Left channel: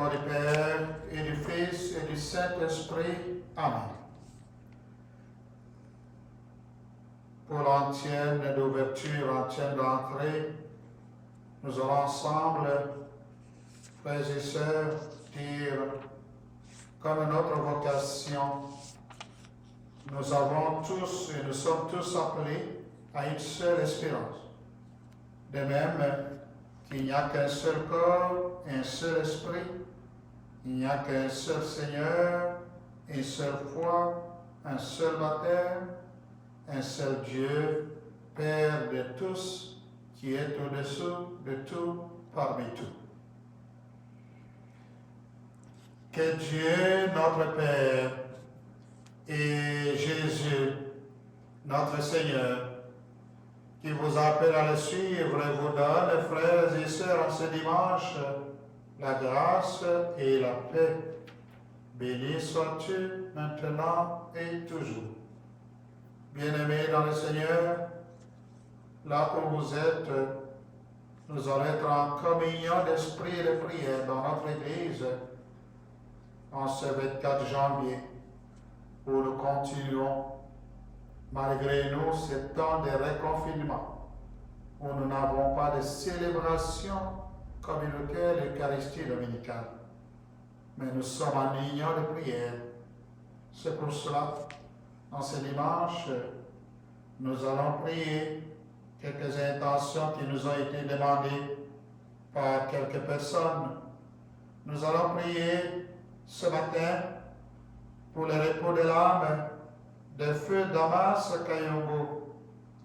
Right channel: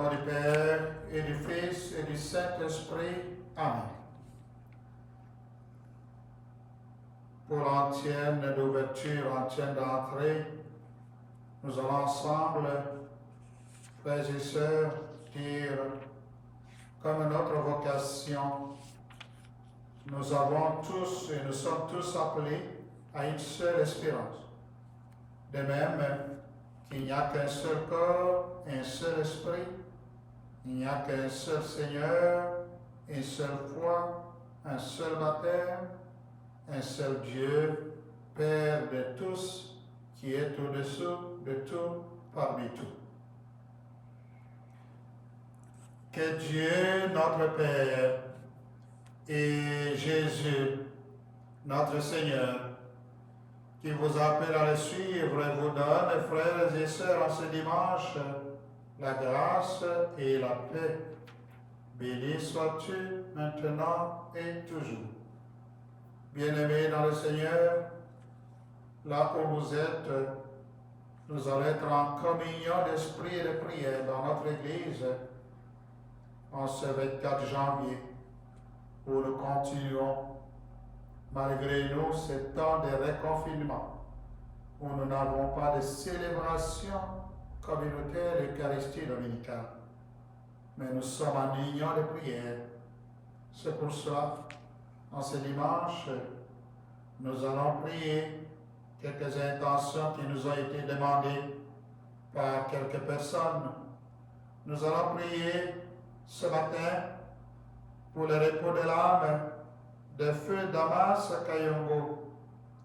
nom du Père, et du Fils, et du Saint-Esprit. Amen. Pour l'antienne d'ouverture, antienne d'entrée, nous allons ensemble, frères et sœurs, dire comme notre vocation, nous avons tous et nous sommes tous appelés à une seule espérance. De même qu'il n'y a qu'un seul corps, un seul esprit, il n'y a qu'un seul Seigneur, une seule foi, un seul baptême, un seul Dieu, Père de tous, qui est au-dessous de tout, parmi tout. Que Dieu, notre Père, et Jésus, notre Seigneur, qui vous appelle à le suivre et vous donne, frères et sœurs, en ce dimanche, la grâce et la paix. Béni sois-tu maintenant et toujours. Bien-aimés dans le Seigneur, là où vous êtes, nous allons être en communion d'esprit et de prière dans notre Église en ce 24 janvier, où nous continuons, malgré nous, ce temps de reconfinement, où nous n'avons pas de célébration communautaire de l'Eucharistie dominicale. Mais nous sommes en union de prière. C'est pour cela, en ce dimanche, nous allons prier quelques intentions qui nous ont été demandées par quelques personnes. Nous allons prier ce matin pour le repos de l'âme de feu Damas Kayongo,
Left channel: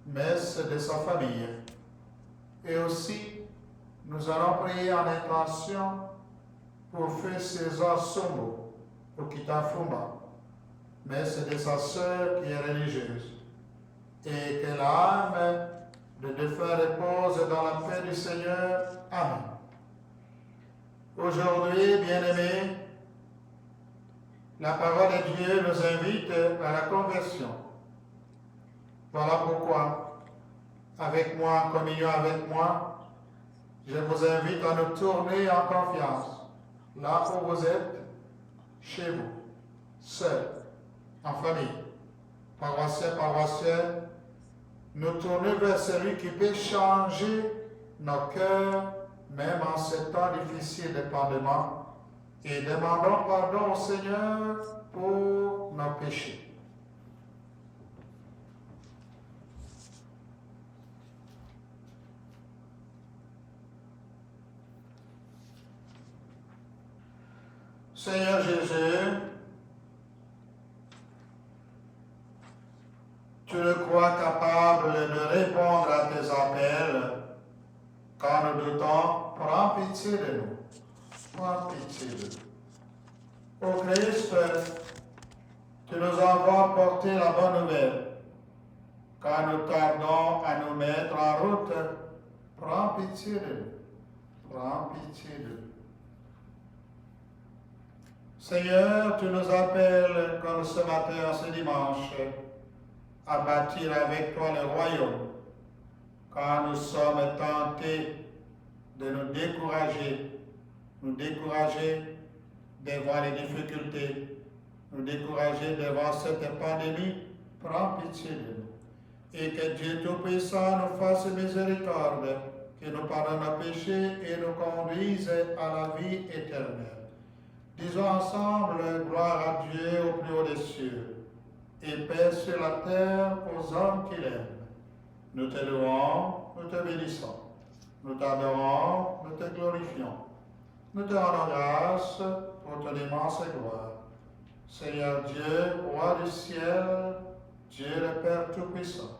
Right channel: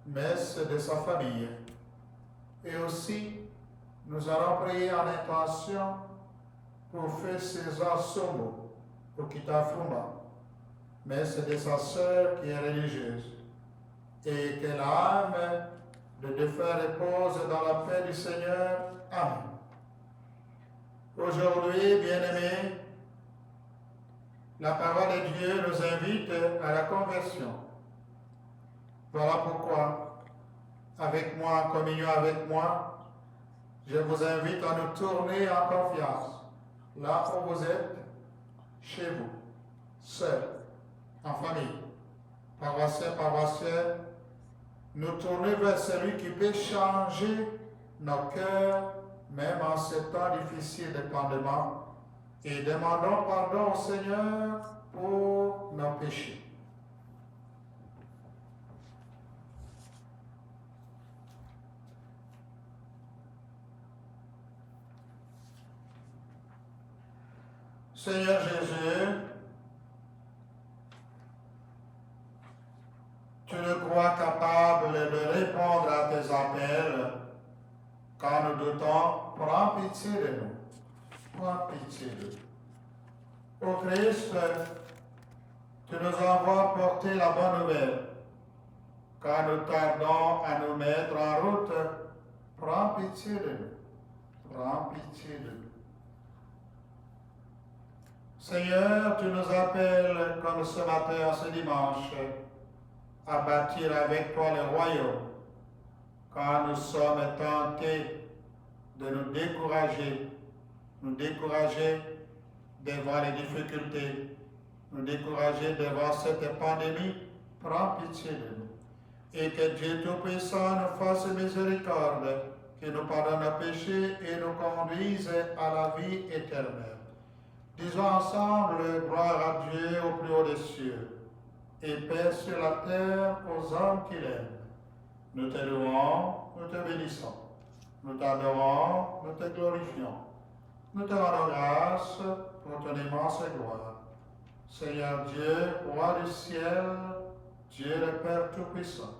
messe de sa famille. Et aussi, nous allons prier en intention pour feu César Somo, au Kitafuma, messe de sa sœur qui est religieuse. Et que l'âme de défunt repose dans la paix du Seigneur. Amen. Aujourd'hui, bien-aimés, la parole de Dieu nous invite à la conversion. Voilà pourquoi, avec moi, en communion avec moi, je vous invite à nous tourner en confiance, là où vous êtes, chez vous, seuls, en famille, paroissiens, paroissiennes, nous tourner vers celui qui peut changer nos cœurs, même en ces temps difficiles de pandémie, et demandons pardon au Seigneur pour nos péchés. Seigneur Jésus, tu le crois capable de répondre à tes appels. Quand nous doutons, prends pitié de nous. Prends pitié de nous. Ô Christ, tu nous envoies porter la bonne nouvelle. Quand nous tardons à nous mettre en route, prends pitié de nous. Prends pitié de nous. Seigneur, tu nous appelles, comme ce matin, ce dimanche, à bâtir avec toi le royaume. Quand nous sommes tentés de nous décourager devant les difficultés, nous décourager devant cette pandémie, prends pitié de nous. Et que Dieu Tout-Puissant nous fasse miséricorde, qu'il nous pardonne nos péchés et nous conduise à la vie éternelle. Disons ensemble, gloire à Dieu au plus haut des cieux, et paix sur la terre aux hommes qu'il aime. Nous te louons, nous te bénissons, nous t'adorons, nous te glorifions. Nous te rendons grâce pour ton immense gloire. Seigneur Dieu, roi du ciel, Dieu le Père Tout-Puissant.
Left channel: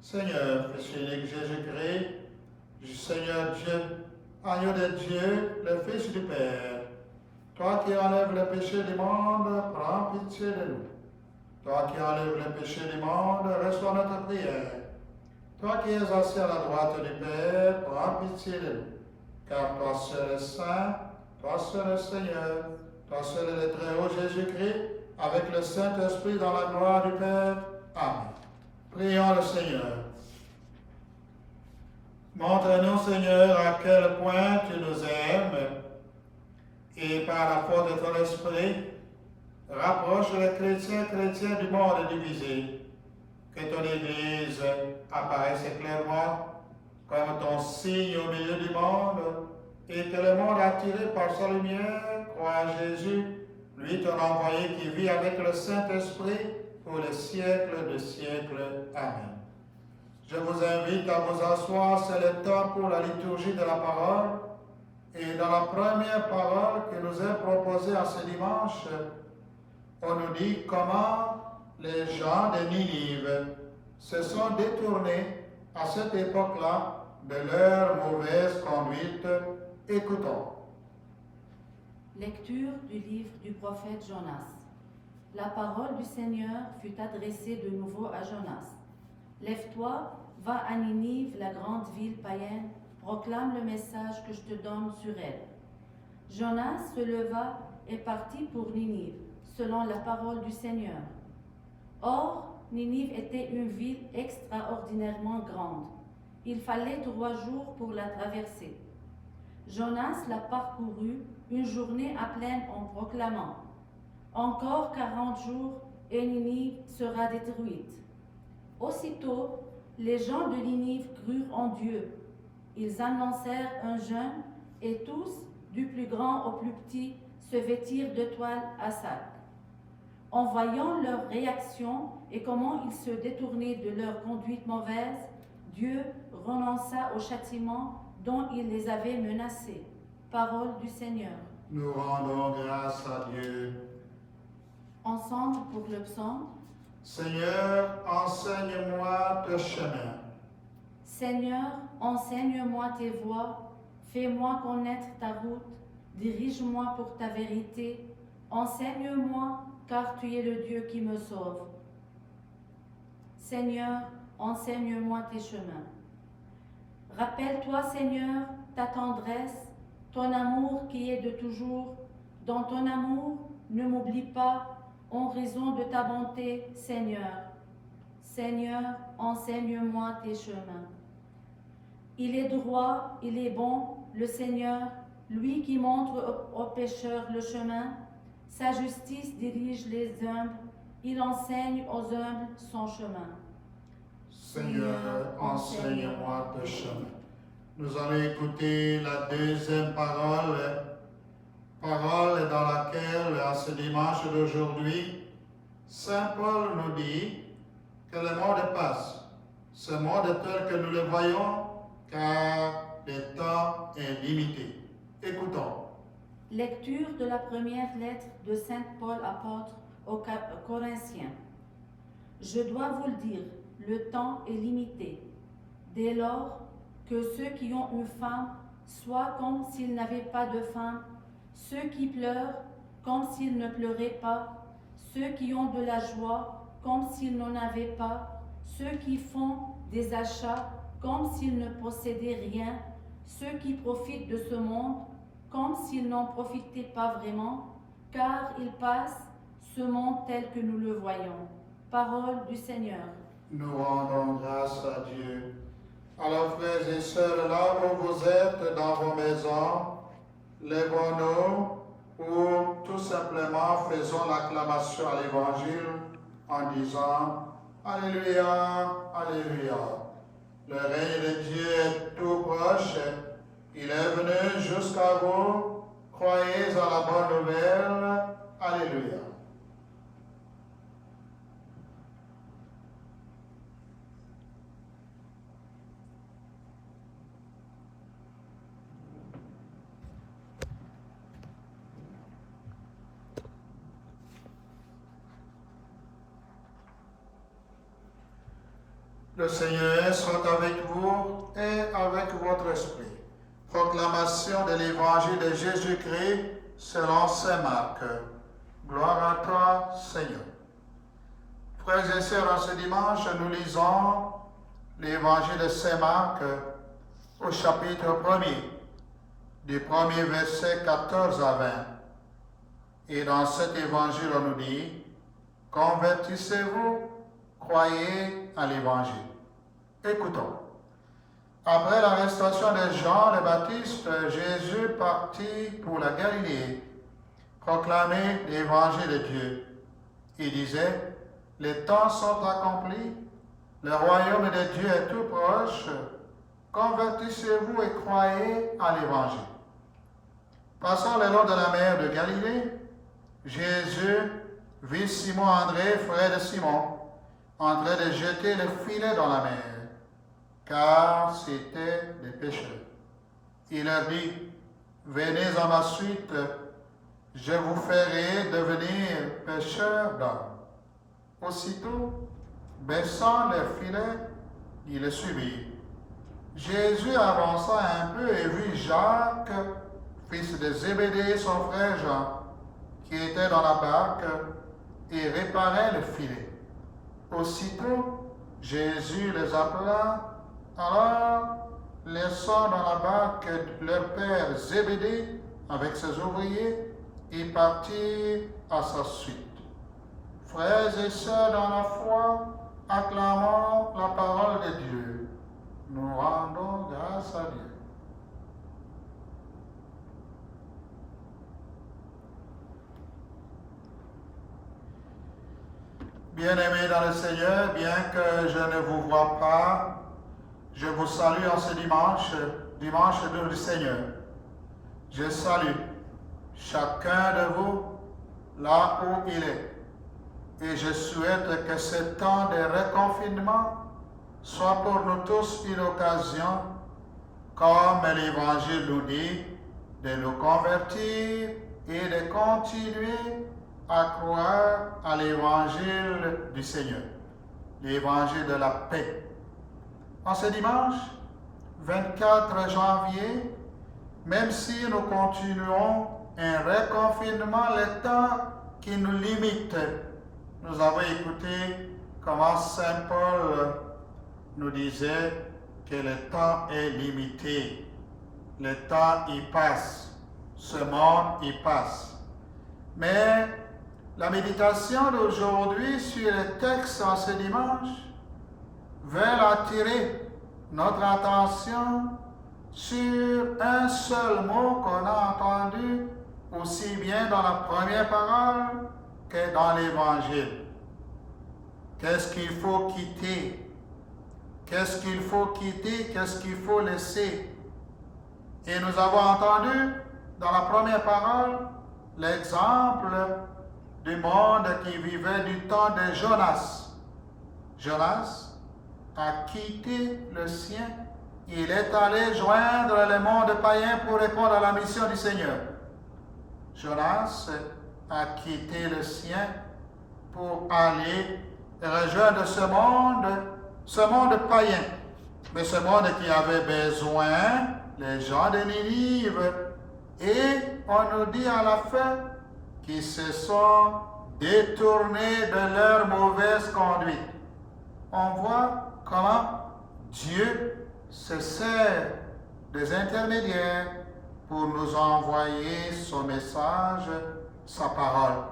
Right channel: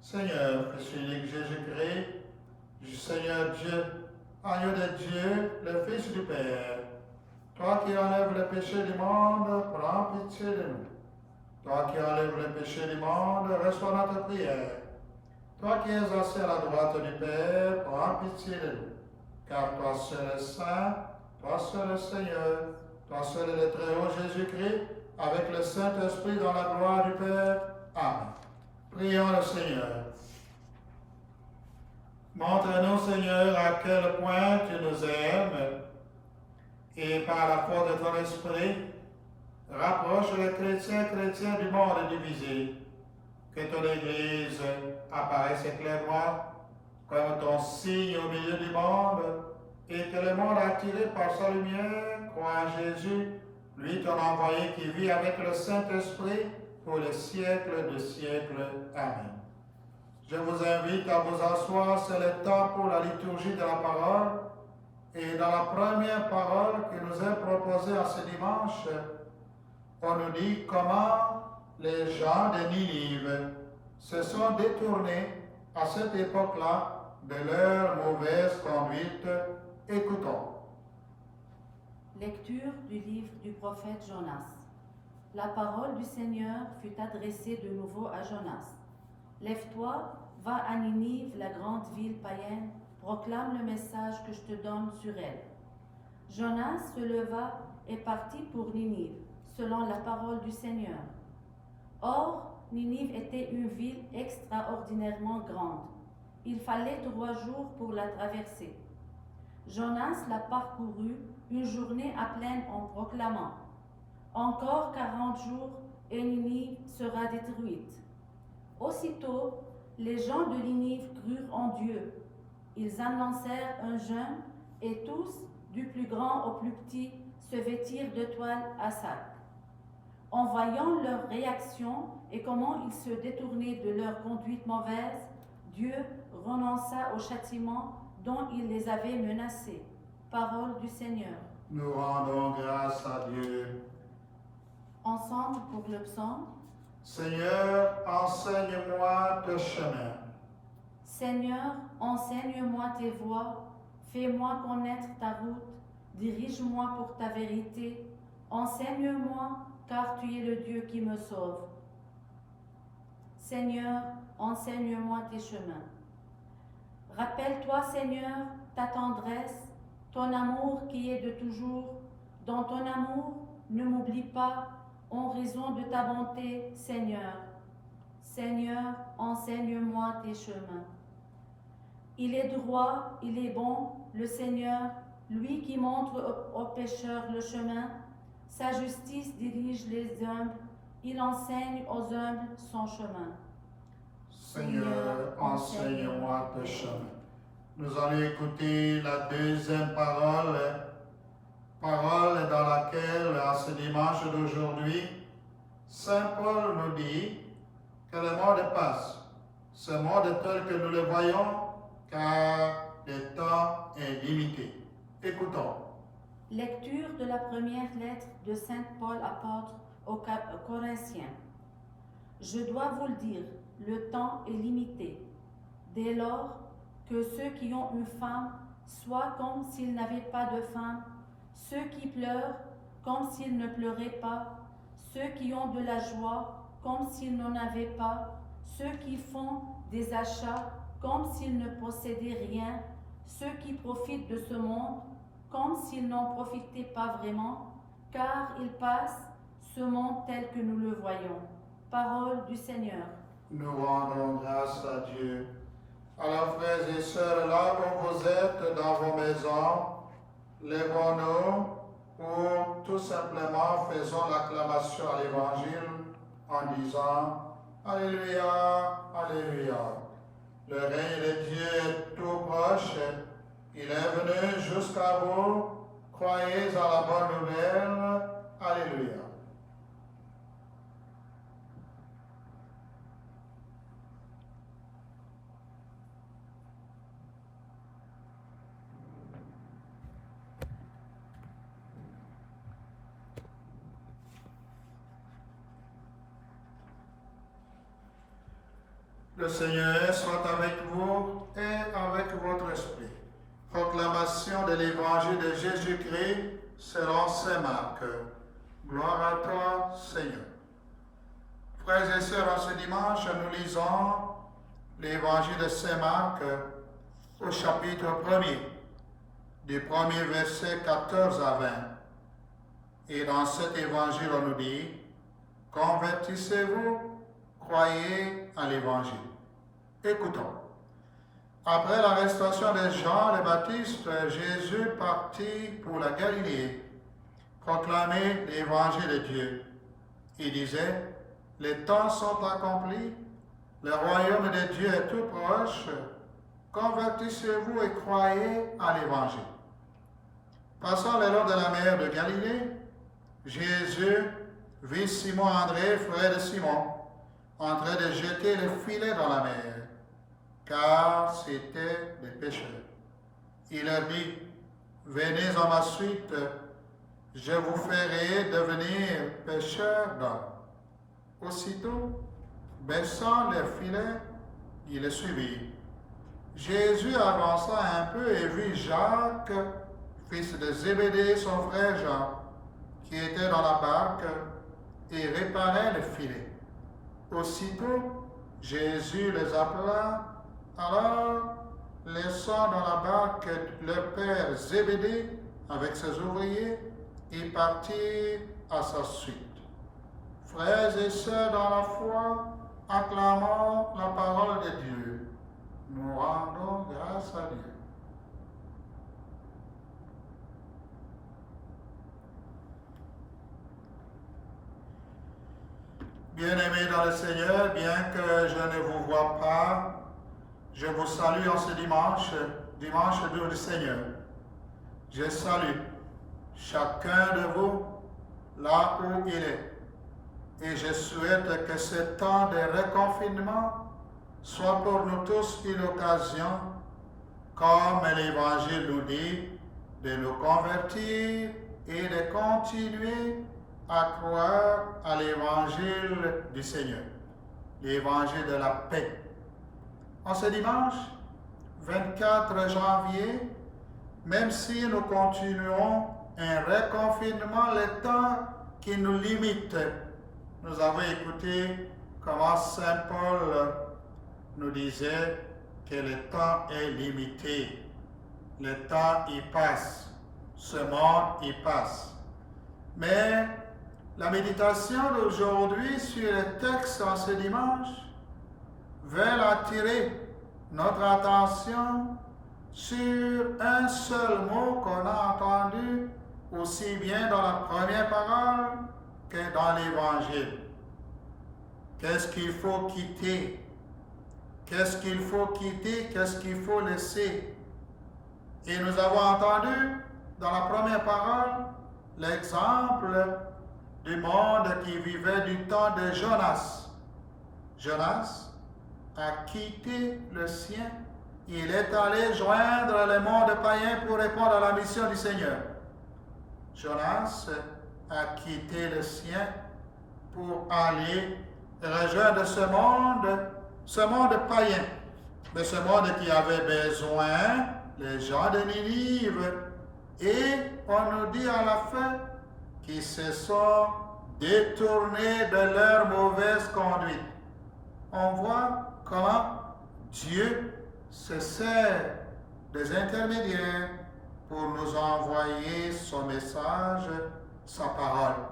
Seigneur, Fils unique Jésus-Christ, Seigneur Dieu, agneau de Dieu, le Fils du Père. Toi qui enlèves le péché du monde, prends pitié de nous. Toi qui enlèves le péché du monde, reçois notre prière. Toi qui es assis à la droite du Père, prends pitié de nous. Car toi seul est saint, toi seul est Seigneur, toi seul est le Très-Haut Jésus-Christ, avec le Saint-Esprit dans la gloire du Père. Amen. Prions le Seigneur. Montre-nous, Seigneur, à quel point tu nous aimes, et par la force de ton esprit, rapproche les chrétiens du monde divisé. Que ton Église apparaisse clairement comme ton signe au milieu du monde et que le monde attiré par sa lumière croit en Jésus, lui ton envoyé qui vit avec le Saint-Esprit pour les siècles de siècles. Amen. Je vous invite à vous asseoir, c'est le temps pour la liturgie de la parole. Et dans la première parole qui nous est proposée à ce dimanche, on nous dit comment les gens de Ninive se sont détournés à cette époque-là de leur mauvaise conduite. Écoutons. Lecture du livre du prophète Jonas. La parole du Seigneur fut adressée de nouveau à Jonas. Lève-toi, va à Ninive, la grande ville païenne, proclame le message que je te donne sur elle. Jonas se leva et partit pour Ninive, selon la parole du Seigneur. Or, Ninive était une ville extraordinairement grande. Il fallait 3 jours pour la traverser. Jonas la parcourut une journée à pleine en proclamant « Encore 40 jours et Ninive sera détruite. » Aussitôt, les gens de Ninive crurent en Dieu. Ils annoncèrent un jeûne et tous, du plus grand au plus petit, se vêtirent de toile à sac. En voyant leur réaction et comment ils se détournaient de leur conduite mauvaise, Dieu renonça au châtiment dont il les avait menacés. Parole du Seigneur. Nous rendons grâce à Dieu. Ensemble pour le psaume. Seigneur, enseigne-moi tes chemins. Seigneur, enseigne-moi tes voies, fais-moi connaître ta route, dirige-moi pour ta vérité, enseigne-moi, car tu es le Dieu qui me sauve. Seigneur, enseigne-moi tes chemins. Rappelle-toi, Seigneur, ta tendresse, ton amour qui est de toujours. Dans ton amour, ne m'oublie pas, en raison de ta bonté, Seigneur. Seigneur, enseigne-moi tes chemins. Il est droit, il est bon, le Seigneur, lui qui montre aux pécheurs le chemin. Sa justice dirige les humbles, il enseigne aux humbles son chemin. Seigneur, enseigne-moi tes chemins. Nous allons écouter la deuxième parole dans laquelle, à ce dimanche d'aujourd'hui, Saint Paul nous dit que le monde passe. Ce monde est tel que nous le voyons, car le temps est limité. Écoutons. Lecture de la première lettre de Saint Paul apôtre aux Corinthiens. Je dois vous le dire, le temps est limité. Dès lors que ceux qui ont une femme soient comme s'ils n'avaient pas de femme, ceux qui pleurent comme s'ils ne pleuraient pas, ceux qui ont de la joie comme s'ils n'en avaient pas, ceux qui font des achats comme s'ils ne possédaient rien, ceux qui profitent de ce monde comme s'ils n'en profitaient pas vraiment, car il passe ce monde tel que nous le voyons. Parole du Seigneur. Nous rendons grâce à Dieu. Alors, frères et sœurs, là où vous êtes dans vos maisons, lèvons-nous ou tout simplement faisons l'acclamation à l'Évangile en disant Alléluia, Alléluia. Le règne de Dieu est tout proche. Il est venu jusqu'à vous. Croyez à la bonne nouvelle. Alléluia. Le Seigneur soit avec vous et avec votre esprit. Proclamation de l'Évangile de Jésus-Christ selon saint Marc. Gloire à toi, Seigneur. Frères et sœurs, en ce dimanche, nous lisons l'Évangile de saint Marc au chapitre 1er, du premier verset 14 à 20. Et dans cet Évangile, on nous dit, « Convertissez-vous, croyez à l'Évangile. » Écoutons. Après l'arrestation de Jean le Baptiste, Jésus partit pour la Galilée, proclamer l'évangile de Dieu. Il disait, les temps sont accomplis, le royaume de Dieu est tout proche, convertissez-vous et croyez à l'évangile. Passant le long de la mer de Galilée, Jésus vit Simon-André, frère de Simon, en train de jeter le filet dans la mer, car c'étaient des pêcheurs. Il leur dit, venez à ma suite, je vous ferai devenir pêcheurs d'hommes. Aussitôt, baissant le filet, il le suivit. Jésus avança un peu et vit Jacques, fils de Zébédée, son frère Jean, qui était dans la barque et réparait le filet. Aussitôt, Jésus les appela. Alors, laissant dans la barque leur père Zébédée avec ses ouvriers, il partit à sa suite. Frères et sœurs dans la foi, acclamons la parole de Dieu. Nous rendons grâce à Dieu. Bien-aimés dans le Seigneur, bien que je ne vous vois pas, je vous salue en ce dimanche, dimanche du Seigneur. Je salue chacun de vous là où il est. Et je souhaite que ce temps de reconfinement soit pour nous tous une occasion, comme l'Évangile nous dit, de nous convertir et de continuer à croire à l'Évangile du Seigneur, l'Évangile de la paix. En ce dimanche, 24 janvier, même si nous continuons un reconfinement, le temps qui nous limite, nous avons écouté comment Saint Paul nous disait que le temps est limité. Le temps y passe. Ce monde y passe. Mais la méditation d'aujourd'hui sur le texte en ce dimanche veut attirer notre attention sur un seul mot qu'on a entendu aussi bien dans la première parole que dans l'Évangile. Qu'est-ce qu'il faut quitter? Qu'est-ce qu'il faut quitter? Qu'est-ce qu'il faut laisser? Et nous avons entendu dans la première parole l'exemple du monde qui vivait du temps de Jonas. Jonas a quitté le sien. Il est allé joindre le monde païen pour répondre à la mission du Seigneur. Jonas a quitté le sien pour aller rejoindre ce monde païen. Mais ce monde qui avait besoin, les gens de Ninive. Et on nous dit à la fin qu'ils se sont détournés de leur mauvaise conduite. On voit comment Dieu se sert des intermédiaires pour nous envoyer son message, sa parole.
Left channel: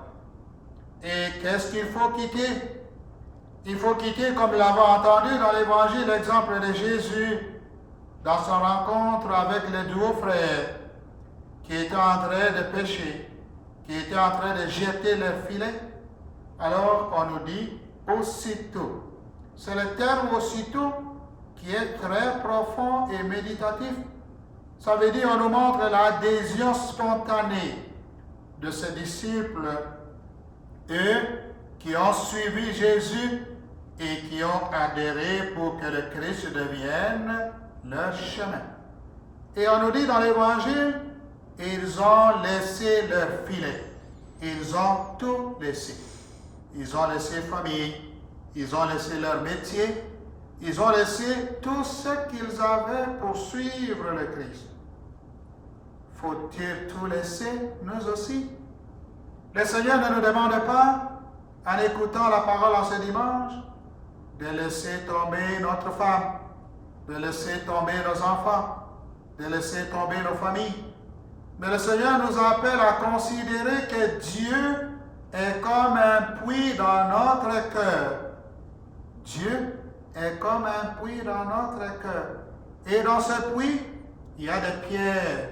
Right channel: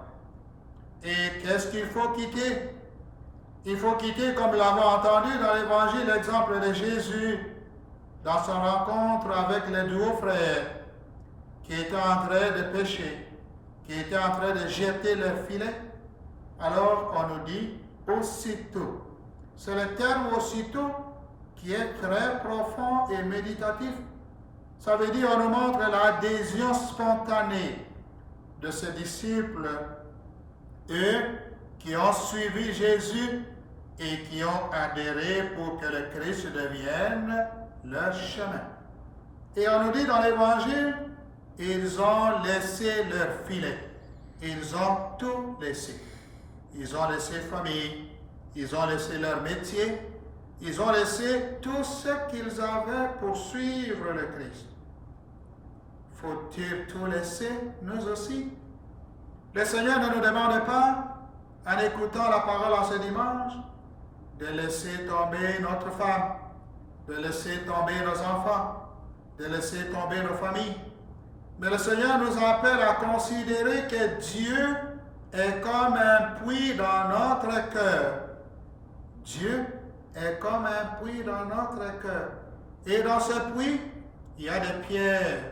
Et qu'est-ce qu'il faut quitter? Il faut quitter, comme nous l'avons entendu dans l'Évangile, l'exemple de Jésus dans son rencontre avec les deux frères qui étaient en train de pêcher, qui étaient en train de jeter leur filet. Alors on nous dit aussitôt. C'est le terme aussitôt qui est très profond et méditatif. Ça veut dire, on nous montre l'adhésion spontanée de ces disciples, eux qui ont suivi Jésus et qui ont adhéré pour que le Christ devienne leur chemin. Et on nous dit dans l'Évangile, ils ont laissé leur filet. Ils ont tout laissé. Ils ont laissé famille. Ils ont laissé leur métier. Ils ont laissé tout ce qu'ils avaient pour suivre le Christ. Faut-il tout laisser, nous aussi? Le Seigneur ne nous demande pas, en écoutant la parole en ce dimanche, de laisser tomber notre femme, de laisser tomber nos enfants, de laisser tomber nos familles. Mais le Seigneur nous appelle à considérer que Dieu est comme un puits dans notre cœur. Dieu est comme un puits dans notre cœur. Et dans ce puits, il y a des pierres,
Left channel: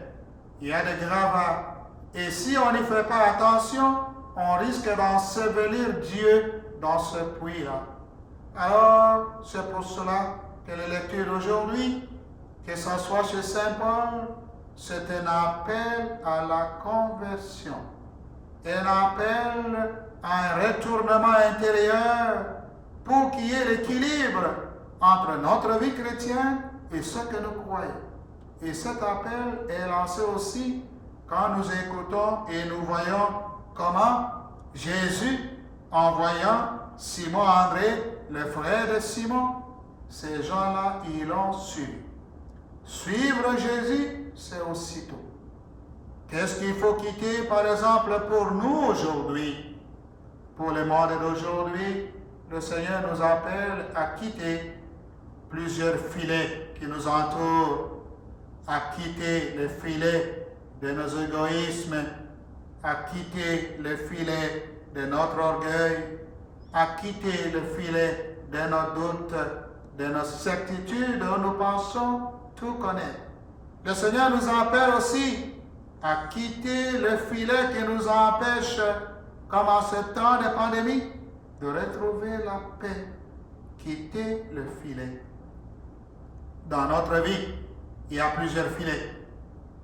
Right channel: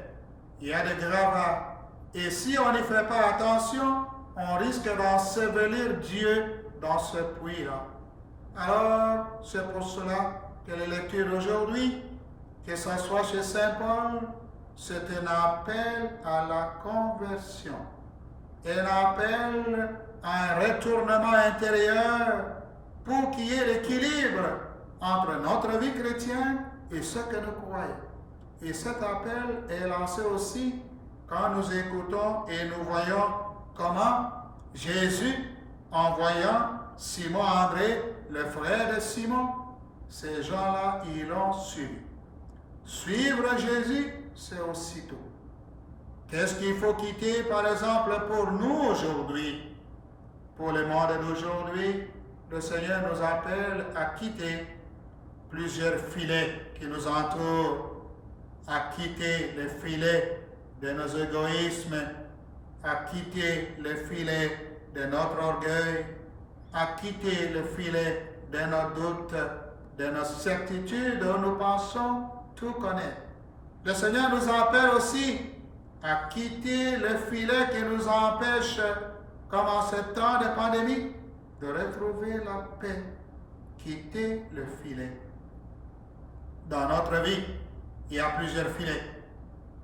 il y a des gravats, Et si on n'y fait pas attention, on risque d'ensevelir Dieu dans ce puits-là. Alors, c'est pour cela que la lecture d'aujourd'hui, que ce soit chez Saint Paul, c'est un appel à la conversion, un appel à un retournement intérieur pour qu'il y ait l'équilibre entre notre vie chrétienne et ce que nous croyons. Et cet appel est lancé aussi quand nous écoutons et nous voyons comment Jésus, en voyant Simon André, le frère de Simon, ces gens-là, ils l'ont suivi. Suivre Jésus, c'est aussitôt. Qu'est-ce qu'il faut quitter, par exemple, pour nous aujourd'hui? Pour le monde d'aujourd'hui, le Seigneur nous appelle à quitter plusieurs filets qui nous entourent, à quitter les filets de nos égoïsmes, à quitter le filet de notre orgueil, à quitter le filet de nos doutes, de nos certitudes où nous pensons tout connaître. Le Seigneur nous appelle aussi à quitter le filet qui nous empêche, comme en ce temps de pandémie, de retrouver la paix. Quitter le filet. Dans notre vie, il y a plusieurs filets.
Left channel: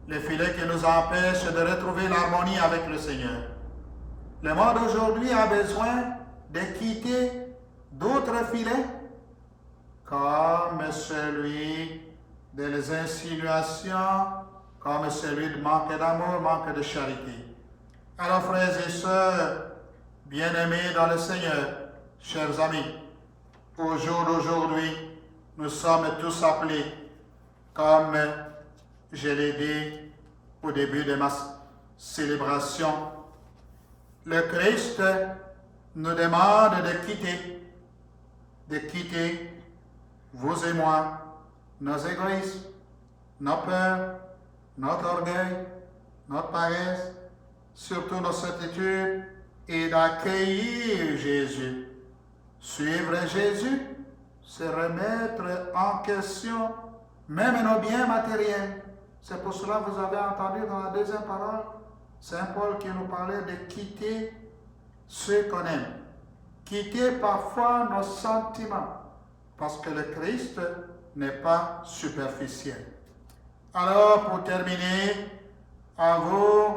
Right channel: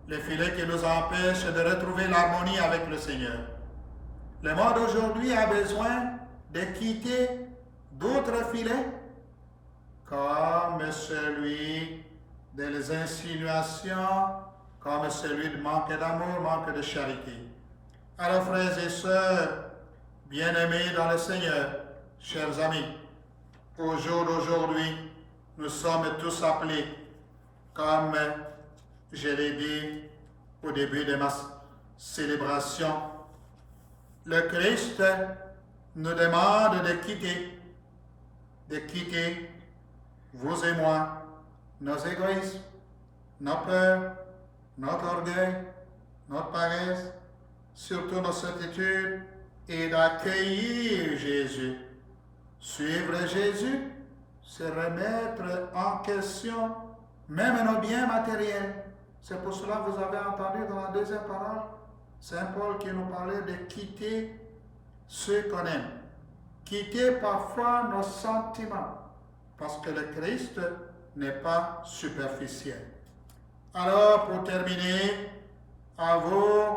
Les filets qui nous empêchent de retrouver l'harmonie avec le Seigneur. Le monde aujourd'hui a besoin de quitter d'autres filets, comme celui des insinuations, comme celui de manque d'amour, manque de charité. Alors, frères et sœurs, bien-aimés dans le Seigneur, chers amis, au jour d'aujourd'hui, nous sommes tous appelés, comme je l'ai dit au début de ma célébration, le Christ nous demande de quitter, vous et moi, nos égoïsmes, nos peurs, notre orgueil, notre paresse, surtout nos certitudes, et d'accueillir Jésus. Suivre Jésus, c'est remettre en question même nos biens matériels. C'est pour cela que vous avez entendu dans la deuxième parole, Saint Paul qui nous parlait de quitter ceux qu'on aime. Quitter parfois nos sentiments, parce que le Christ n'est pas superficiel. Alors, pour terminer, à vous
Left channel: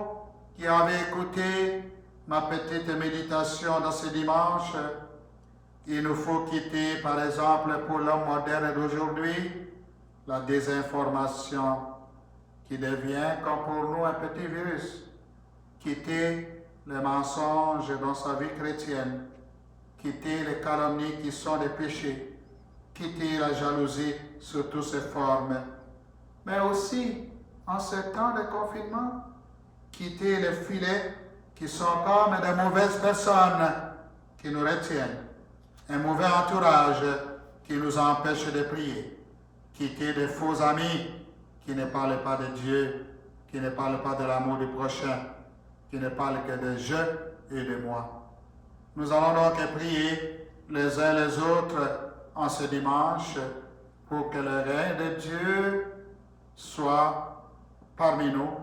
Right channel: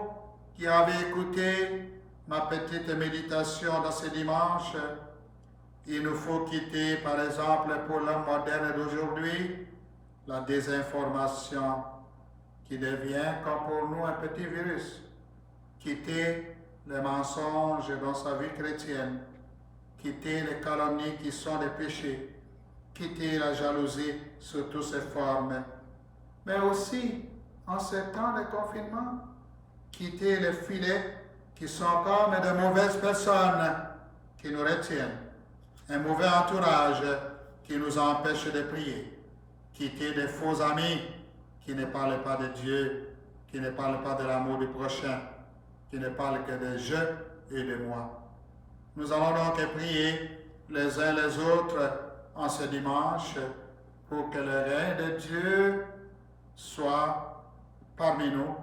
qui avez écouté ma petite méditation dans ce dimanche, il nous faut quitter, par exemple, pour l'homme moderne d'aujourd'hui, la désinformation qui devient, comme pour nous, un petit virus. Quitter les mensonges dans sa vie chrétienne. Quitter les calomnies qui sont des péchés. Quitter la jalousie sous toutes ses formes. Mais aussi, en ce temps de confinement, quitter les filets qui sont comme de mauvaises personnes qui nous retiennent. Un mauvais entourage qui nous empêche de prier. Quitter des faux amis qui ne parlent pas de Dieu, qui ne parlent pas de l'amour du prochain, qui ne parlent que de je et de moi. Nous allons donc prier les uns les autres en ce dimanche pour que le règne de Dieu soit parmi nous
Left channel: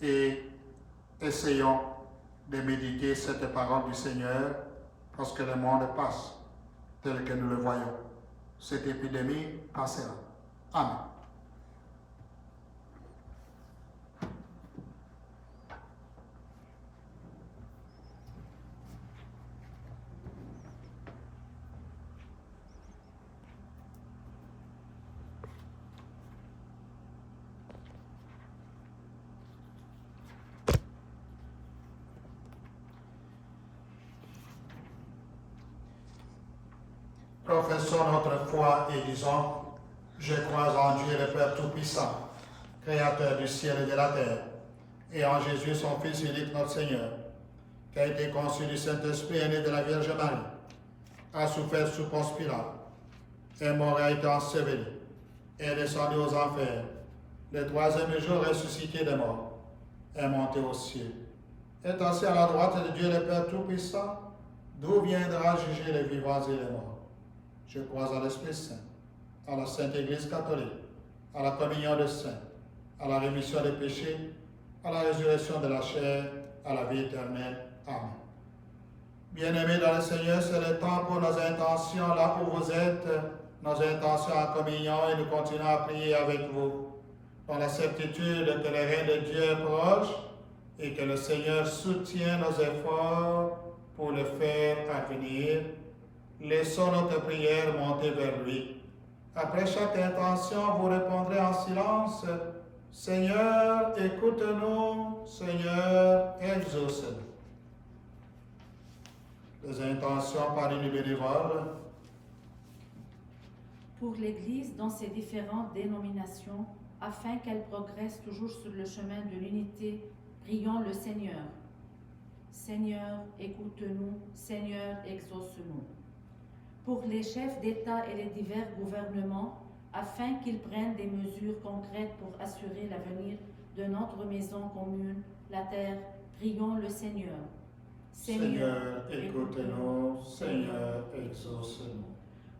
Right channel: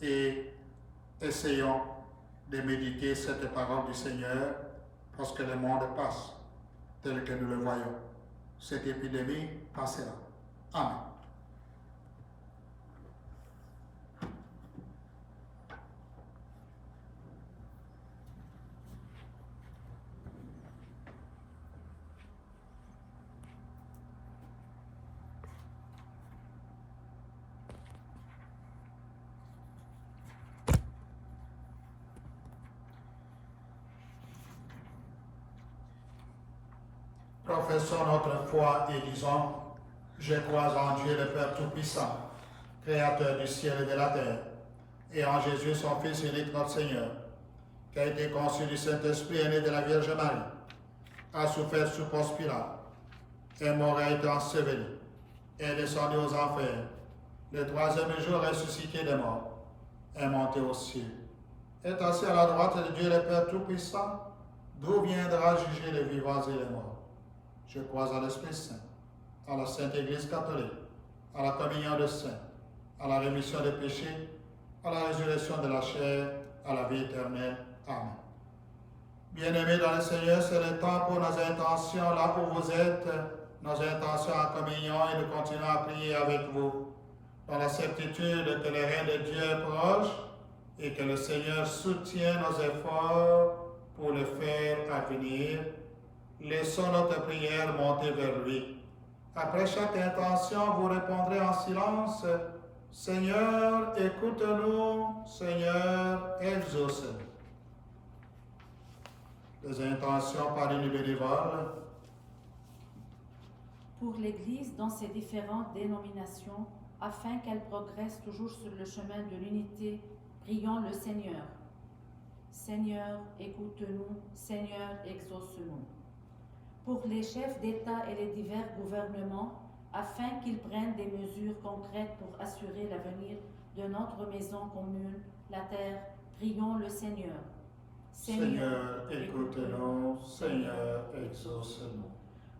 et essayons de méditer cette parole du Seigneur parce que le monde passe tel que nous le voyons. Cette épidémie passera. Amen. Professons notre foi et disons, je crois en Dieu le Père Tout-Puissant, Créateur du ciel et de la terre, et en Jésus son Fils unique notre Seigneur, qui a été conçu du Saint-Esprit et né de la Vierge Marie, a souffert sous Ponce Pilate, est mort et a été enseveli, est descendu aux enfers, le troisième jour ressuscité des morts, est monté au ciel, est assis à la droite de Dieu le Père Tout-Puissant, d'où viendra juger les vivants et les morts. Je crois à l'Esprit Saint, à la Sainte Église catholique, à la communion des saints, à la rémission des péchés, à la résurrection de la chair, à la vie éternelle. Amen. Bien-aimés dans le Seigneur, c'est le temps pour nos intentions là où vous êtes, nos intentions en communion, et nous continuons à prier avec vous, dans la certitude que le règne de Dieu est proche et que le Seigneur soutient nos efforts pour le faire advenir. Laissons notre prière monter vers lui. Après chaque intention, vous répondrez en silence, Seigneur, écoute-nous, Seigneur, exauce-nous. Les intentions par une bénévole. Pour l'Église dans ses différentes dénominations, afin qu'elle progresse toujours sur le chemin de l'unité, prions le Seigneur. Seigneur, écoute-nous, Seigneur, exauce-nous. Pour les chefs d'État et les divers gouvernements, afin qu'ils prennent des mesures concrètes pour assurer l'avenir de notre maison commune, la terre, prions le Seigneur. Seigneur, écoute-nous, Seigneur, exauce-nous.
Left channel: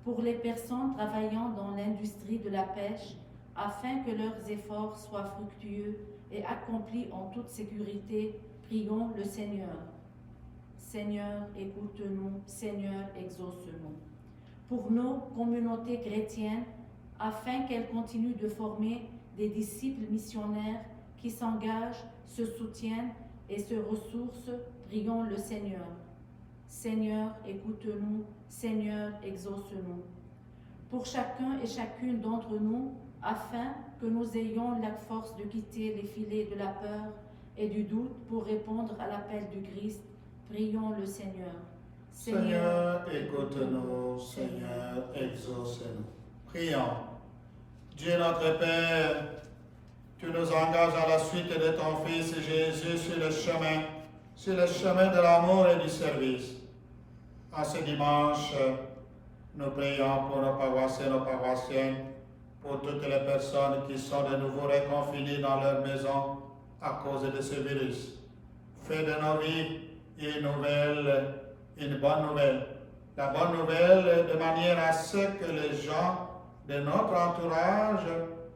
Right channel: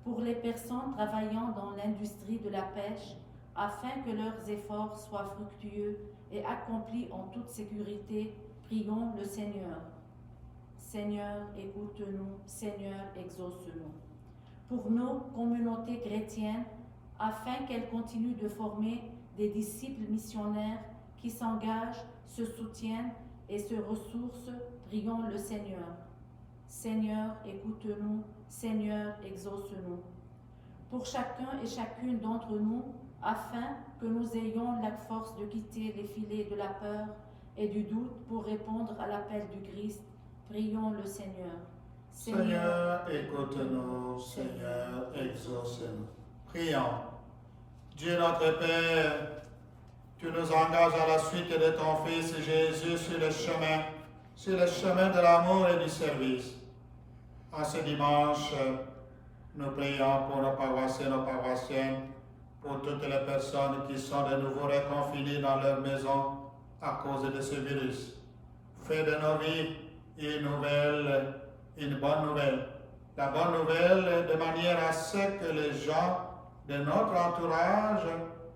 Pour les personnes travaillant dans l'industrie de la pêche, afin que leurs efforts soient fructueux et accomplis en toute sécurité, prions le Seigneur. Seigneur, écoute-nous, Seigneur, exauce-nous. Pour nos communautés chrétiennes, afin qu'elles continuent de former des disciples missionnaires qui s'engagent, se soutiennent et se ressourcent, prions le Seigneur. Seigneur, écoute-nous, Seigneur, exauce-nous. Pour chacun et chacune d'entre nous, afin que nous ayons la force de quitter les filets de la peur et du doute pour répondre à l'appel du Christ, prions le Seigneur. Seigneur, écoute-nous, Seigneur, exauce-nous. Prions. Dieu notre Père, tu nous engages à la suite de ton Fils Jésus sur le chemin de l'amour et du service. En ce dimanche, nous prions pour nos paroissiens et nos paroissiennes, pour toutes les personnes qui sont de nouveau reconfinées dans leur maison à cause de ce virus. Fais de nos vies une bonne nouvelle. La bonne nouvelle de manière à ce que les gens de notre entourage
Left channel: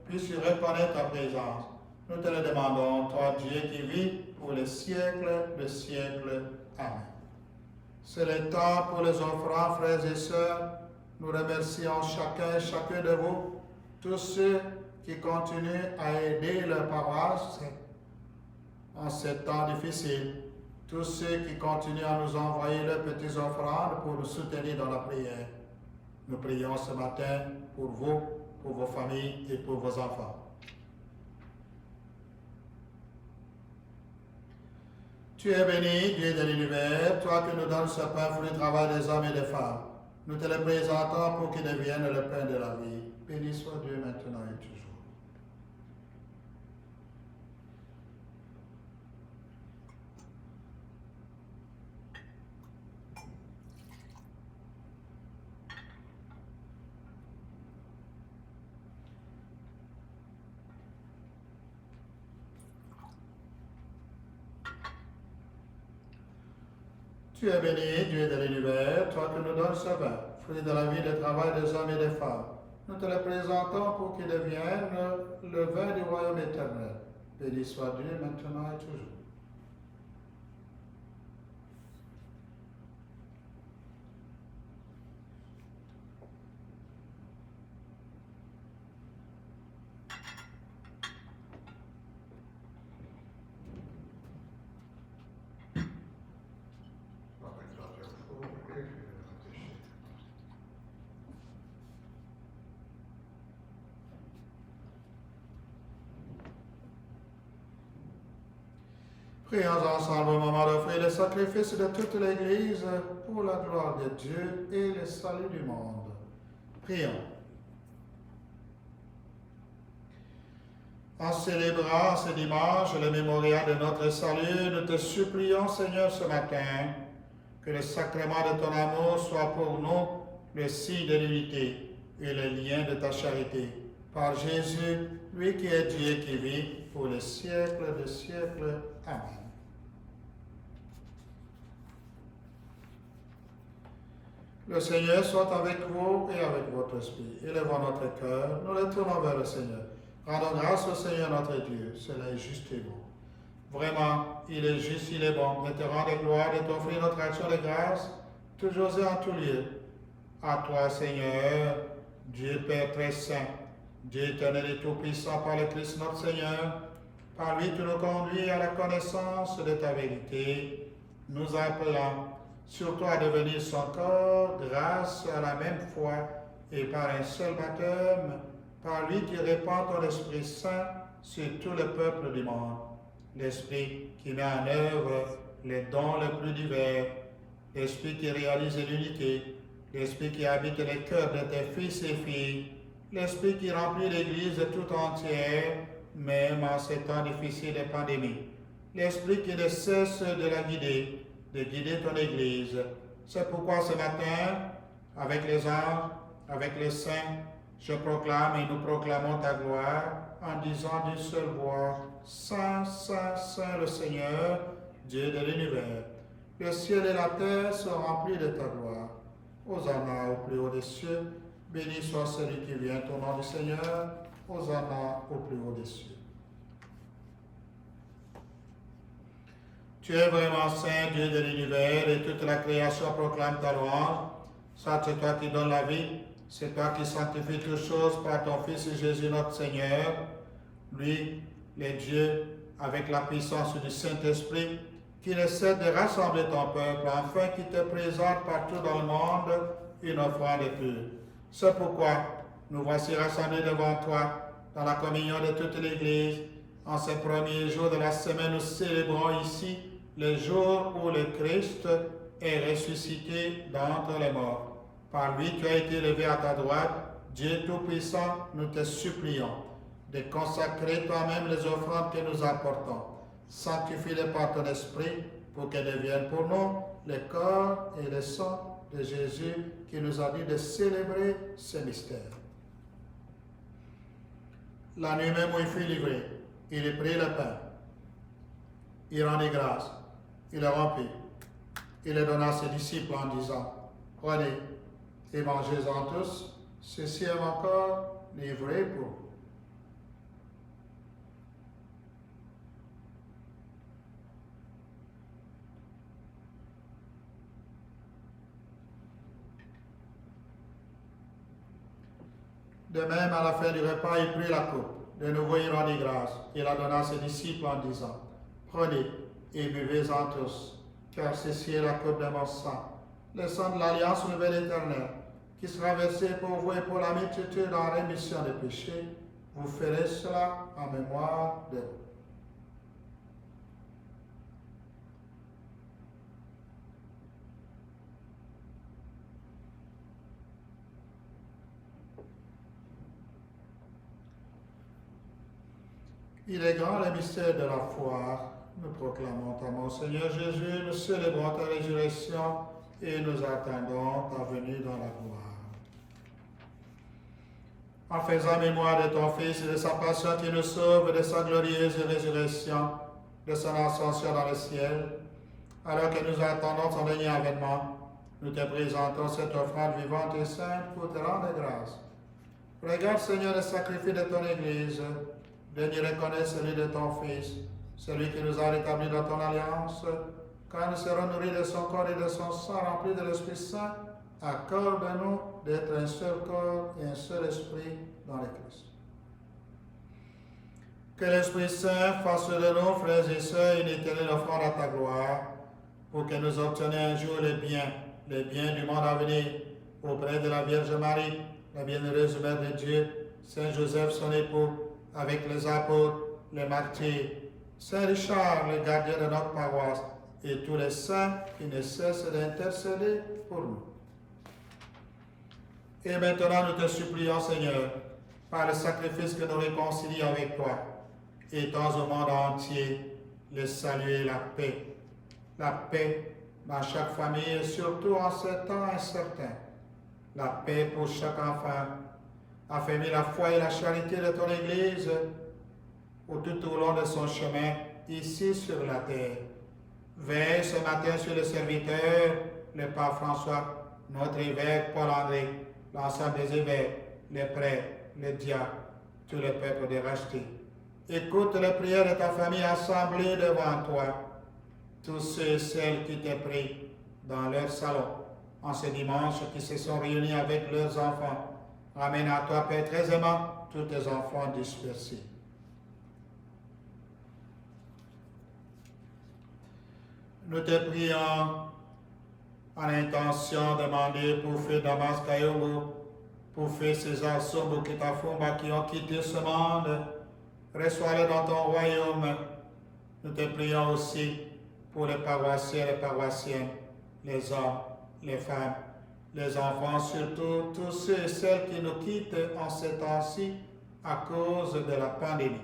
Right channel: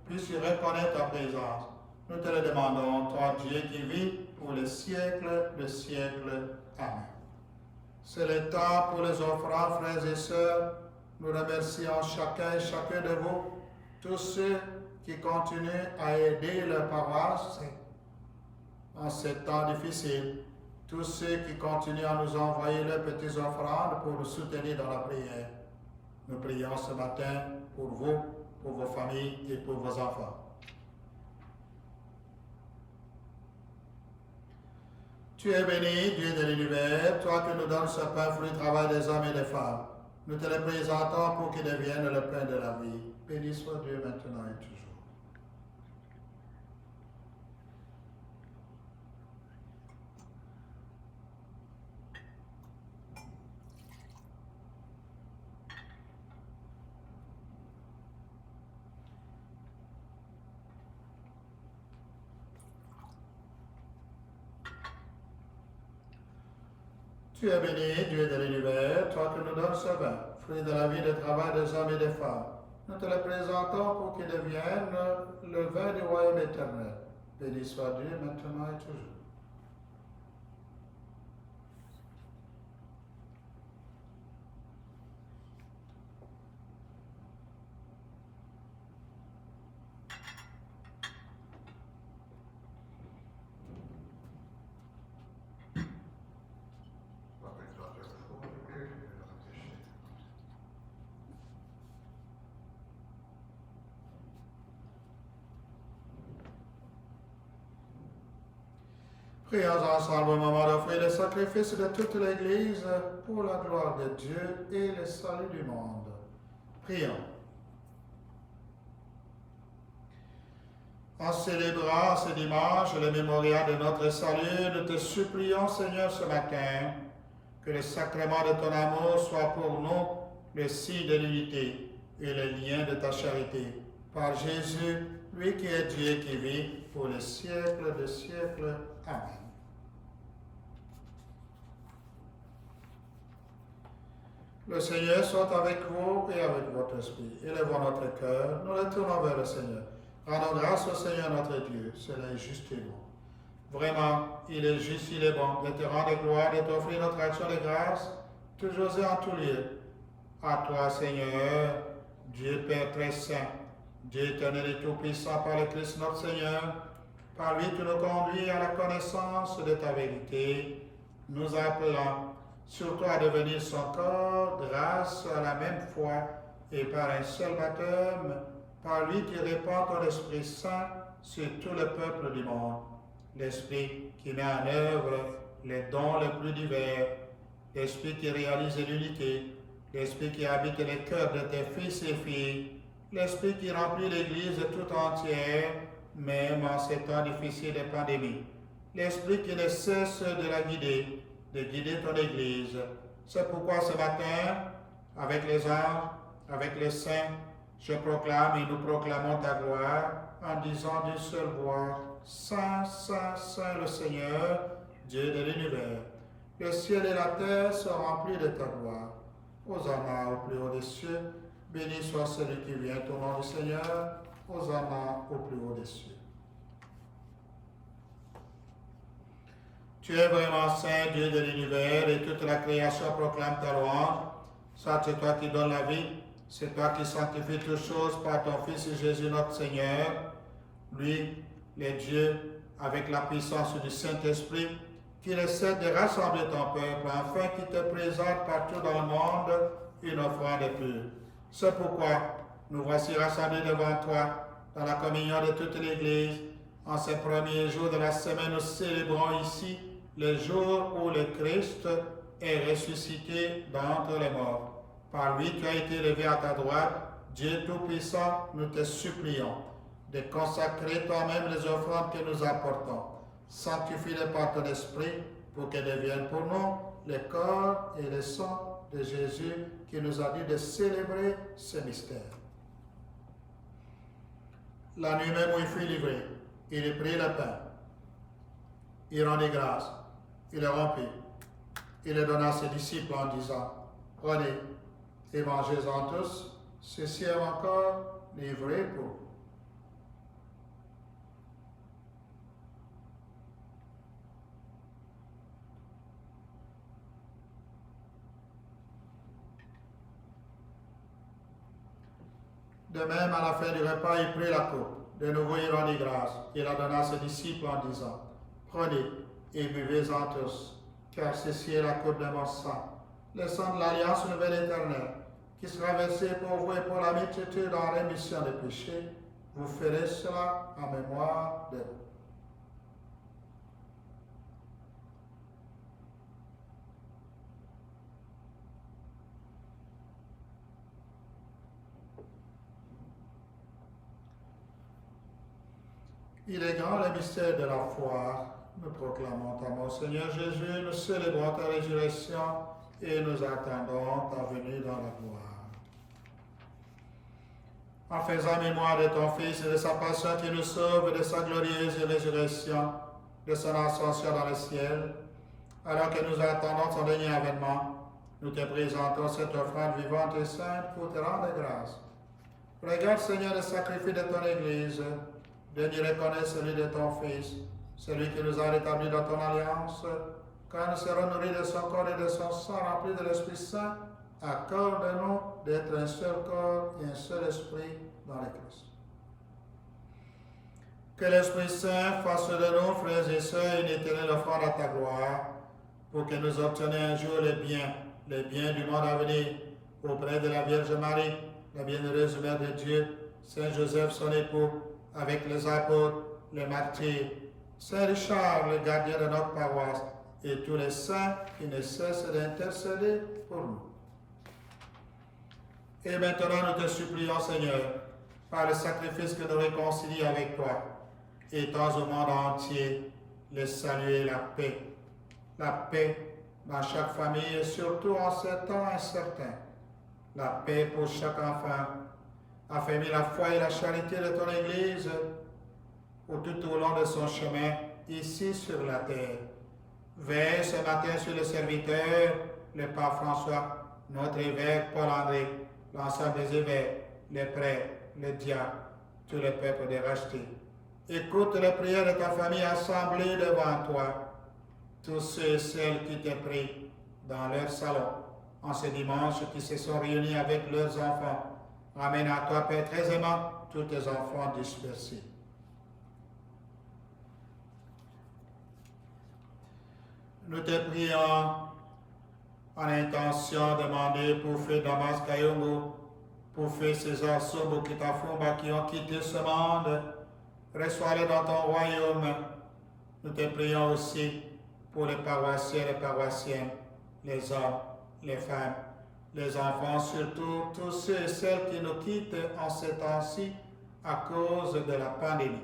puissent reconnaître ta présence. Nous te le demandons, toi Dieu qui vis pour les siècles de siècles. Amen. C'est le temps pour les offrandes, frères et sœurs. Nous remercions chacun et chacun de vous, tous ceux qui continuent à aider leur paroisse en ces temps difficiles, tous ceux qui continuent à nous envoyer leurs petites offrandes pour nous soutenir dans la prière. Nous prions ce matin pour vous, pour vos familles et pour vos enfants. Tu es béni, Dieu de l'univers, toi que nous donnes ce pain, fruit du travail des hommes et des femmes. Nous te le présentons pour qu'il devienne le pain de la vie. Béni soit Dieu maintenant et toujours. Tu es béni, Dieu de l'univers, toi que nous donnes ce pain, fruit de la vie, de travail des hommes et des femmes. Nous te le présentons pour qu'il devienne le vin du royaume éternel. Béni soit Dieu maintenant et toujours. Prions ensemble au moment d'offrir le sacrifice de toute l'Église pour la gloire de Dieu et le salut du monde. Prions. En célébrant ce dimanche le mémorial de notre salut, nous te supplions, Seigneur, ce matin, que le sacrement de ton amour soit pour nous le signe de l'unité et le lien de ta charité. Par Jésus, lui qui est Dieu qui vit pour les siècles des siècles. Amen. Le Seigneur soit avec vous et avec votre esprit. Élevons notre cœur, nous le tournons vers le Seigneur. Rendons grâce au Seigneur notre Dieu, cela est juste et bon. Vraiment, il est juste, il est bon de te rendre gloire, de t'offrir notre action de grâce, toujours et en tout lieu. À toi, Seigneur, Dieu Père très saint, Dieu éternel et tout-puissant par le Christ notre Seigneur, par lui tu nous conduis à la connaissance de ta vérité, nous appelant surtout à devenir son corps grâce à la même foi et par un seul baptême, par lui qui répand ton Esprit Saint sur tout le peuple du monde. L'Esprit qui met en œuvre les dons les plus divers, l'Esprit qui réalise l'unité, l'Esprit qui habite les cœurs de tes fils et filles, l'Esprit qui remplit l'Église tout entière, même en ces temps difficiles de pandémie. L'Esprit qui ne cesse de la guider, de guider ton Église. C'est pourquoi ce matin, avec les anges, avec les saints, je proclame et nous proclamons ta gloire en disant d'une seule voix, Saint, Saint, Saint le Seigneur, Dieu de l'univers. Le ciel et la terre sont remplis de ta gloire. Hosanna au plus haut des cieux, béni soit celui qui vient au nom du Seigneur. Hosanna au plus haut des cieux. Tu es vraiment saint, Dieu de l'univers, et toute la création proclame ta louange. Ça, c'est toi qui donnes la vie, c'est toi qui sanctifies toutes choses par ton Fils Jésus notre Seigneur. Lui, le Dieu, avec la puissance du Saint-Esprit, qui ne cesse de rassembler ton peuple, afin qu'il te présente partout dans le monde une offrande pure. C'est pourquoi nous voici rassemblés devant toi, dans la communion de toute l'Église. En ces premiers jours de la semaine, nous célébrons ici le jour où le Christ est ressuscité d'entre les morts. Par lui, tu as été élevé à ta droite. Dieu Tout-Puissant, nous te supplions de consacrer toi-même les offrandes que nous apportons. Sanctifie-les par ton esprit pour qu'elles deviennent pour nous le corps et le sang de Jésus qui nous a dit de célébrer ce mystère. La nuit même où il fut livré, il prit le pain, il rendit grâce, il le rompit, il le donna à ses disciples en disant, prenez et mangez-en tous, ceci est mon corps livré pour vous. De même, à la fin du repas, il prit la coupe. De nouveau, il rendit grâce. Il la donna à ses disciples en disant, prenez et buvez-en tous, car ceci est la coupe de mon sang, le sang de l'alliance nouvelle éternelle, qui sera versé pour vous et pour la multitude en rémission des péchés. Vous ferez cela en mémoire de vous. Il est grand le mystère de la foi. Nous proclamons ta mort, Seigneur Jésus, nous célébrons ta résurrection et nous attendons ta venue dans la gloire. En faisant mémoire de ton Fils et de sa passion qui nous sauve, de sa glorieuse résurrection, de son ascension dans le ciel, alors que nous attendons son dernier avènement, nous te présentons cette offrande vivante et sainte pour te rendre grâce. Regarde, Seigneur, le sacrifice de ton Église, de nous reconnaître celui de ton Fils, celui qui nous a rétablis dans ton alliance, quand nous serons nourris de son corps et de son sang remplis de l'Esprit Saint, accorde-nous d'être un seul corps et un seul esprit dans le Christ. Que l'Esprit Saint fasse de nous, frères et sœurs, une éternelle offrande à ta gloire, pour que nous obtenions un jour les biens du monde à venir, auprès de la Vierge Marie, la bienheureuse Mère de Dieu, Saint Joseph son époux, avec les apôtres, les martyrs, Saint Richard, le gardien de notre paroisse, et tous les saints qui ne cessent d'intercéder pour nous. Et maintenant, nous te supplions, Seigneur, par le sacrifice que nous réconcilions avec toi, étends au monde entier le salut et la paix. La paix dans chaque famille et surtout en ces temps incertains. La paix pour chaque enfant. Affermis la foi et la charité de ton Église tout au long de son chemin ici sur la terre. Veille ce matin sur le serviteur, le pape François, notre évêque Paul-André, l'ensemble des évêques, les prêtres, les diacres, tout le peuple de racheté. Écoute les prières de ta famille assemblée devant toi, tous ceux et celles qui t'ont pris dans leur salon en ce dimanche, qui se sont réunis avec leurs enfants. Ramène à toi, Père très aimant, tous tes enfants dispersés. Nous te prions en intention demandée pour Feu Damas Kayongo, pour Feu César Sombo Kitafumba qui ont quitté ce monde. Reçois-les dans ton royaume. Nous te prions aussi pour les paroissiens et les paroissiennes, les hommes, les femmes, les enfants, surtout tous ceux et celles qui nous quittent en ces temps-ci à cause de la pandémie.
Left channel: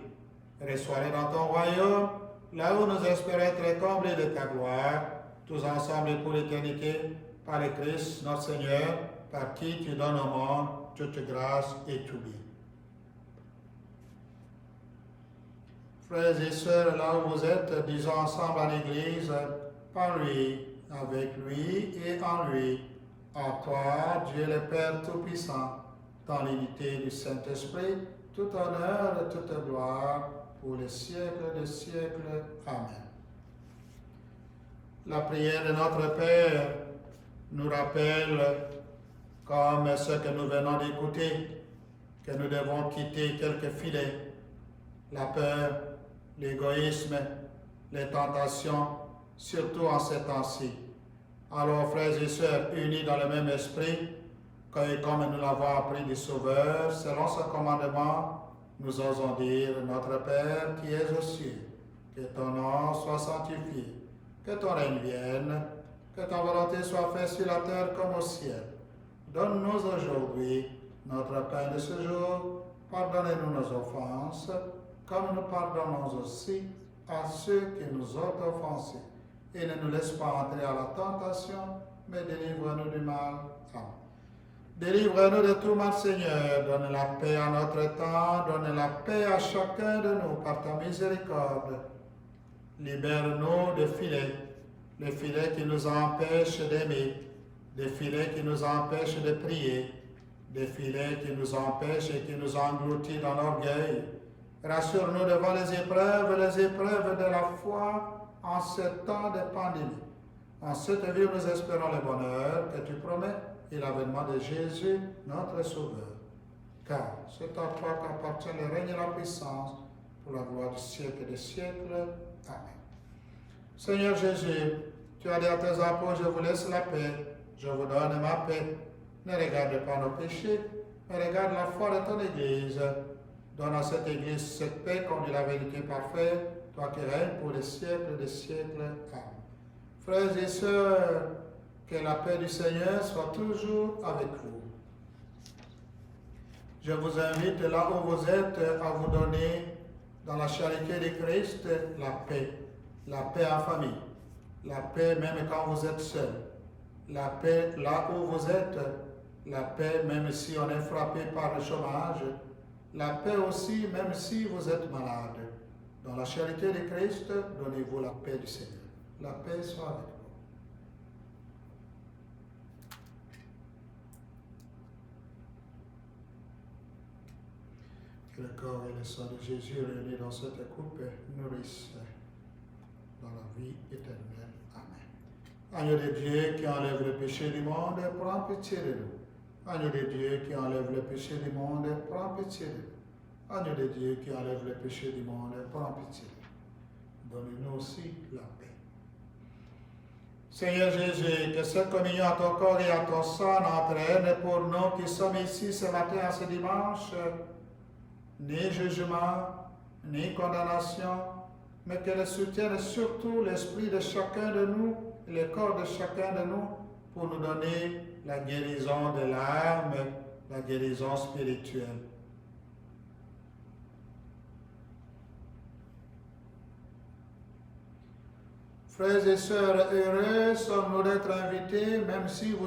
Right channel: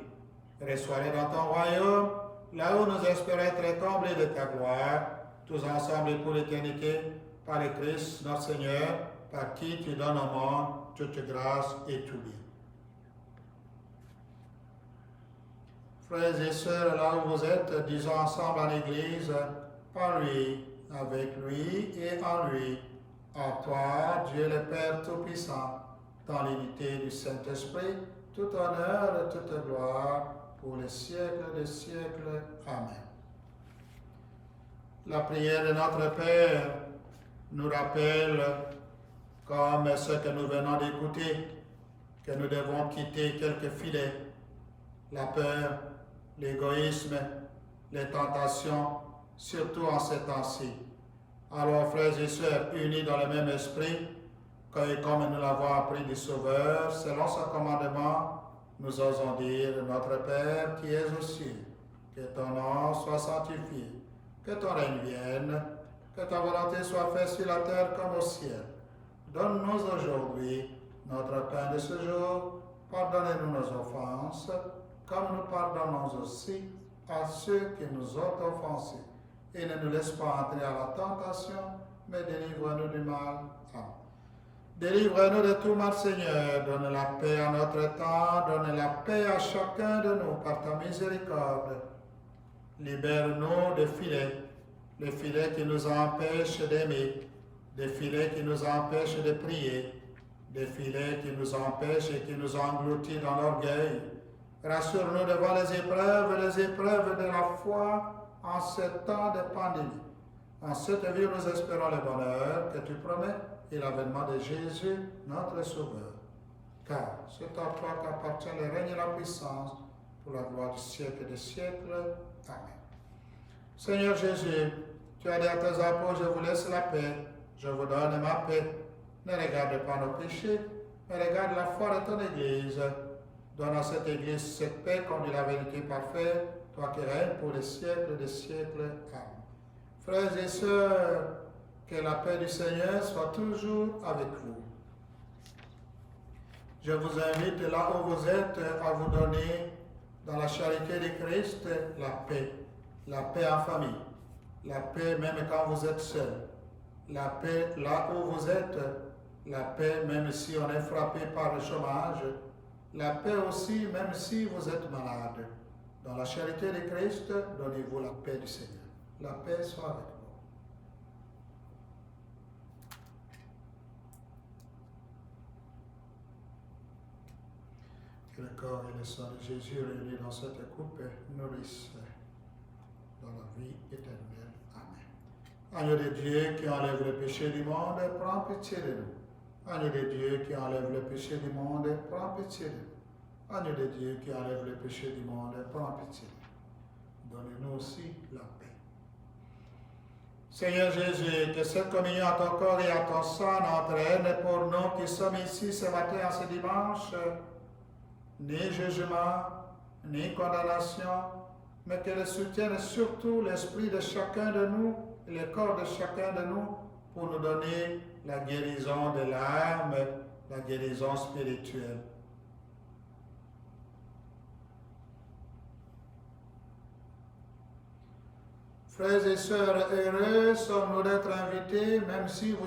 Reçois-les dans ton royaume, là où nous espérons être comblés de ta gloire, tous ensemble et pour l'éternité, par le Christ, notre Seigneur, par qui tu donnes au monde toute grâce et tout bien. Frères et sœurs, là où vous êtes, disons ensemble en Église, par lui, avec lui et en lui, à toi, Dieu le Père Tout-Puissant, dans l'unité du Saint-Esprit, tout honneur et toute gloire pour les siècles des siècles. Amen. La prière de notre Père nous rappelle, comme ce que nous venons d'écouter, que nous devons quitter quelques filets, la peur, l'égoïsme, les tentations, surtout en ces temps-ci. Alors, frères et sœurs, unis dans le même esprit, comme nous l'avons appris du Sauveur, selon son commandement, nous osons dire, notre Père qui es aux cieux, que ton nom soit sanctifié, que ton règne vienne, que ta volonté soit faite sur la terre comme au ciel. Donne-nous aujourd'hui notre pain de ce jour, pardonnez-nous nos offenses, comme nous pardonnons aussi à ceux qui nous ont offensés. Et ne nous laisse pas entrer à la tentation, mais délivre-nous du mal. Amen. Délivre-nous de tout mal, Seigneur. Donne la paix à notre temps, donne la paix à chacun de nous par ta miséricorde. Libère-nous des filets, les filets qui nous empêchent d'aimer, des filets qui nous empêchent de prier, des filets qui nous empêchent et qui nous engloutissent dans l'orgueil. Rassure-nous devant les épreuves de la foi en ce temps de pandémie. En cette vie où nous espérons le bonheur que tu promets et l'avènement de Jésus, notre Sauveur. Car c'est à toi qu'appartient le règne et la puissance pour la gloire du siècle des siècles. Amen. Seigneur Jésus, tu as dit à tes apôtres, je vous laisse la paix, je vous donne ma paix. Ne regarde pas nos péchés, mais regarde la foi de ton Église. Donne à cette Église cette paix comme dit la vérité parfaite, toi qui règnes pour les siècles des siècles. Amen. Frères et sœurs, que la paix du Seigneur soit toujours avec vous. Je vous invite là où vous êtes à vous donner dans la charité de Christ la paix en famille, la paix même quand vous êtes seul, la paix là où vous êtes, la paix même si on est frappé par le chômage, la paix aussi même si vous êtes malade. Dans la charité de Christ, donnez-vous la paix du Seigneur. La paix soit avec vous. Que le corps et le sang de Jésus réunis dans cette coupe nourrissent dans la vie éternelle. Amen. Agneau de Dieu qui enlève le péché du monde, prends pitié de nous. Agneau de Dieu qui enlève le péché du monde, prends pitié de nous. Agneau de Dieu qui enlève le péché du monde, prends pitié de nous. Donne-nous aussi la paix. Seigneur Jésus, que cette communion à ton corps et à ton sang n'entraîne pour nous qui sommes ici ce matin, en ce dimanche, ni jugement, ni condamnation, mais qu'elle soutienne surtout l'esprit de chacun de nous et le corps de chacun de nous pour nous donner la guérison de l'âme, la guérison spirituelle. Frères et sœurs, heureux sommes-nous d'être invités, même si vous êtes